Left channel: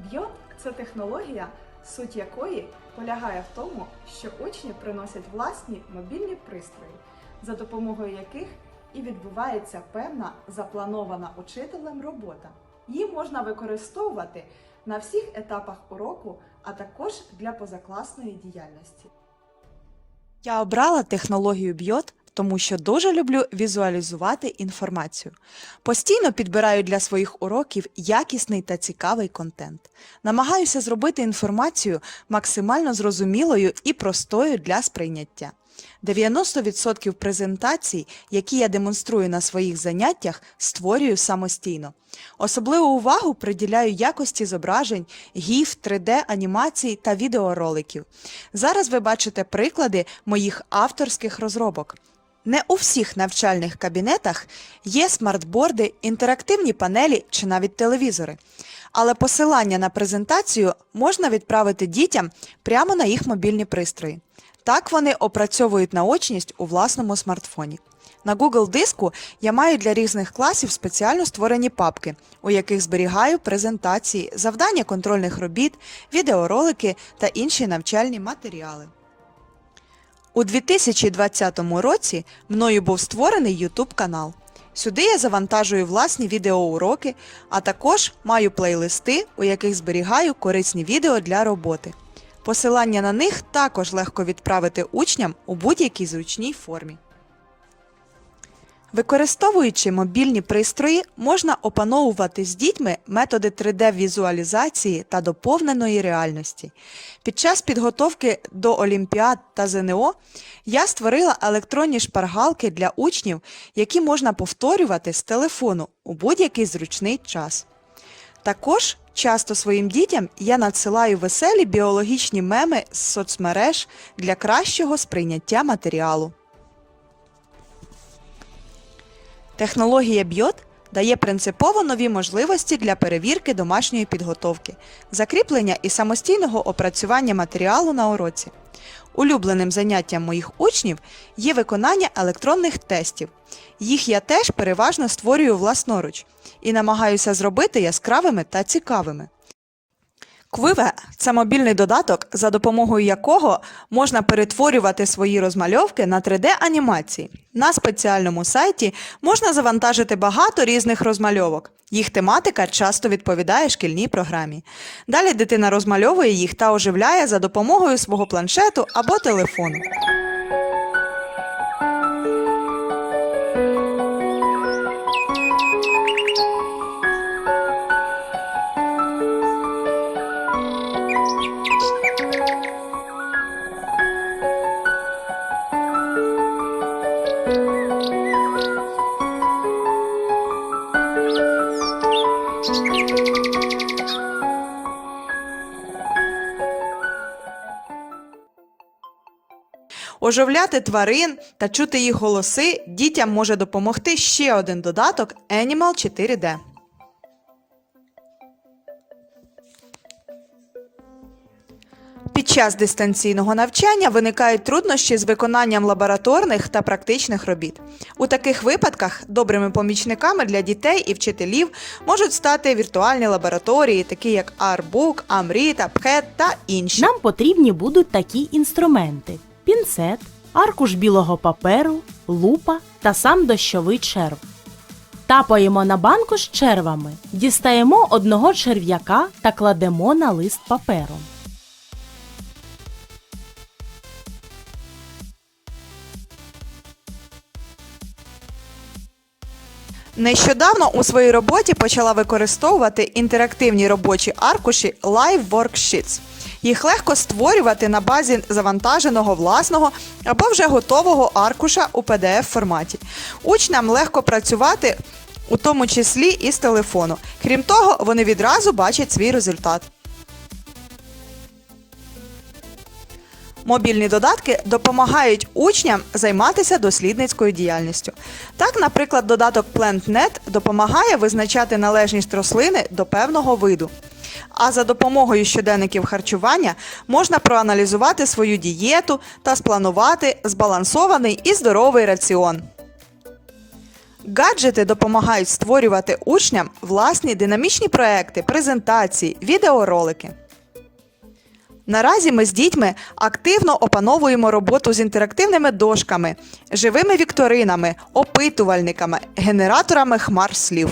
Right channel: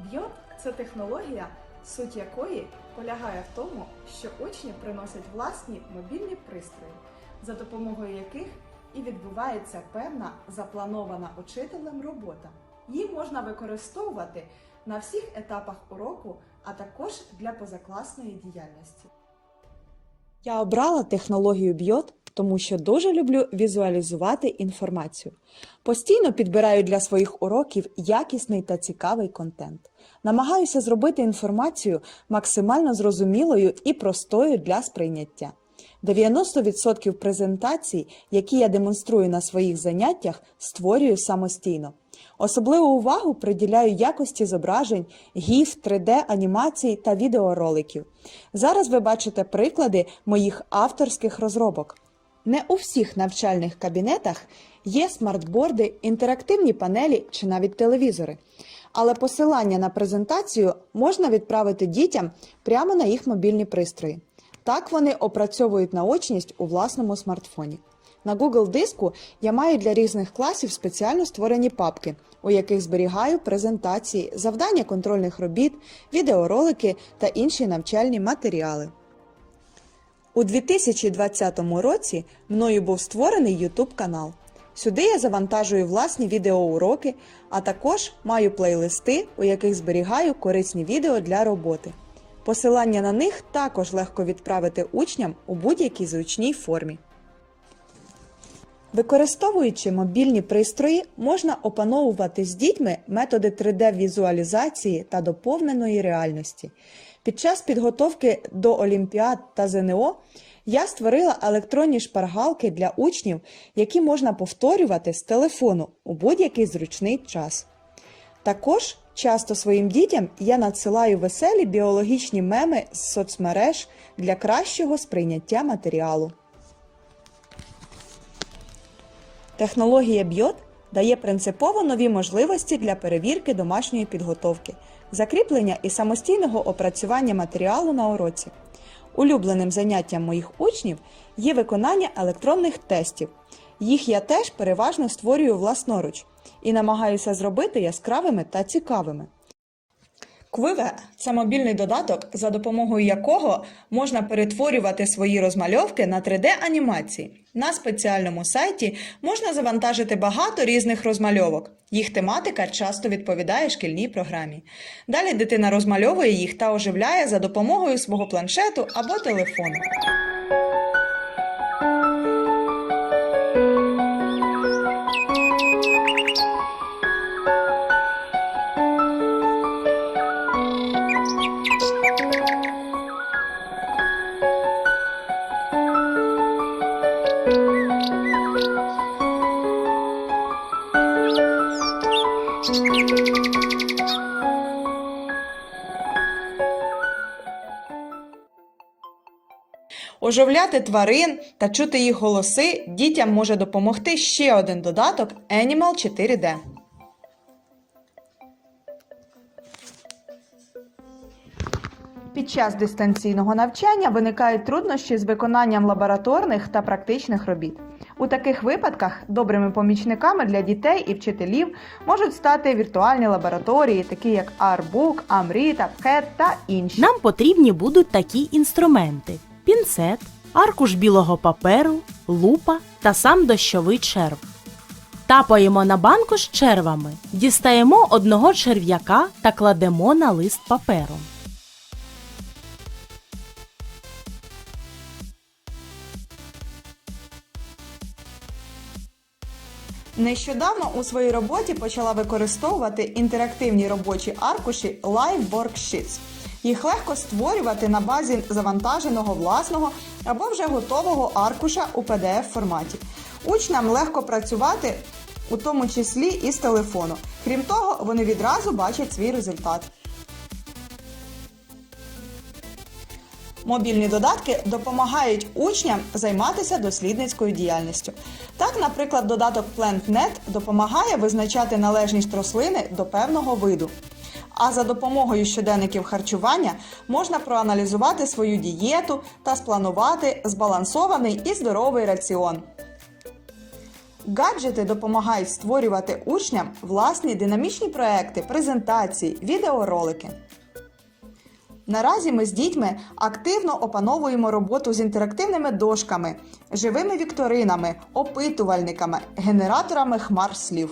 Б'йот це технологія, суть якої полягає в тому, що учні приносять власні мобільні пристрої, за допомогою яких і відбувається певна запланована учителем робота. Її можна використовувати на всіх етапах уроку, а також для позакласної діяльності. Я обрала технологію Бьот, тому що дуже люблю візуалізувати інформацію. Постійно підбираю для своїх уроків якісний та цікавий контент. Намагаюся зробити інформацію максимально зрозумілою і простою для сприйняття. 90% презентацій, які я демонструю на своїх заняттях, створюю самостійно. Особливу увагу приділяю якості зображень, гіф, 3D-анімацій та відеороликів. Зараз ви бачите приклади моїх авторських розробок. Не у всіх навчальних кабінетах є смартборди, інтерактивні панелі чи навіть телевізори. Але посилання на презентацію можна відправити дітям прямо на їх мобільні пристрої. Так вони опрацьовують наочність у власному смартфоні. На Google диску я маю для різних класів спеціально створені папки, у яких зберігаю презентації, завдання контрольних робіт, відеоролики та інші навчальні матеріали. У 2020 році мною був створений YouTube канал. Сюди я завантажую власні відеоуроки, а також маю плейлисти, у яких зберігаю корисні відео для роботи. Посилання на них також легко відправити учням у будь-якій зручній формі. Використовуючи мобільні пристрої, можна опановувати з дітьми методи 3D-візуалізації та доповненої реальності. Під час підготовки до Олімпіад та ЗНО я створила електронні шпаргалки для учнів, які можна повторювати з телефону у будь-який зручний час. Також часто своїм дітям я надсилаю веселі біологічні меми з соцмереж для кращого сприйняття матеріалу. Технологія Бьот дає принципово нові можливості для перевірки домашньої підготовки, закріплення і самостійного опрацювання матеріалу на уроці. Улюбленим заняттям моїх учнів є виконання електронних тестів. Їх я теж переважно створюю власноруч і намагаюся зробити яскравими та цікавими. Квиве це мобільний додаток, за допомогою якого можна перетворювати свої розмальовки на 3D-анімації. На спеціальному сайті можна завантажити багато різних розмальовок. Їх тематика часто відповідає шкільній програмі. Далі дитина розмальовує їх та оживляє за допомогою свого планшету або телефону. Оживляти тварин та чути їх голоси дітям може допомогти ще один додаток Animal 4D. Під час дистанційного навчання виникають труднощі з виконанням лабораторних та практичних робіт. У таких випадках добрими помічниками для дітей і вчителів можуть стати віртуальні лабораторії, такі як Artbook, Amrita, Pket та інші. Нам потрібні будуть такі інструменти: пінцет, аркуш білого паперу, лупа та сам дощовий черв. Тапаємо на банку з червами, дістаємо одного черв'яка та кладемо на лист паперу. Нещодавно у своїй роботі почала використовувати інтерактивні робочі аркуші Live Worksheets. Їх легко створювати на базі завантаженого власного або вже готового аркуша у PDF форматі. Учням легко працювати, у тому числі і з телефону. Крім того, вони відразу бачать свій результат. Мобільні додатки допомагають учням займатися дослідницькою діяльністю. Так, наприклад, додаток PlantNet допомагає визначати належність рослини до певного виду. А за допомогою щоденників харчування можна проаналізувати свою дієту та спланувати збалансований і здоровий раціон. Гаджети допомагають створювати учням власні динамічні проекти, презентації, відеоролики. Наразі ми з дітьми активно опановуємо роботу з інтерактивними дошками, живими вікторинами, опитувальниками, генераторами хмар слів.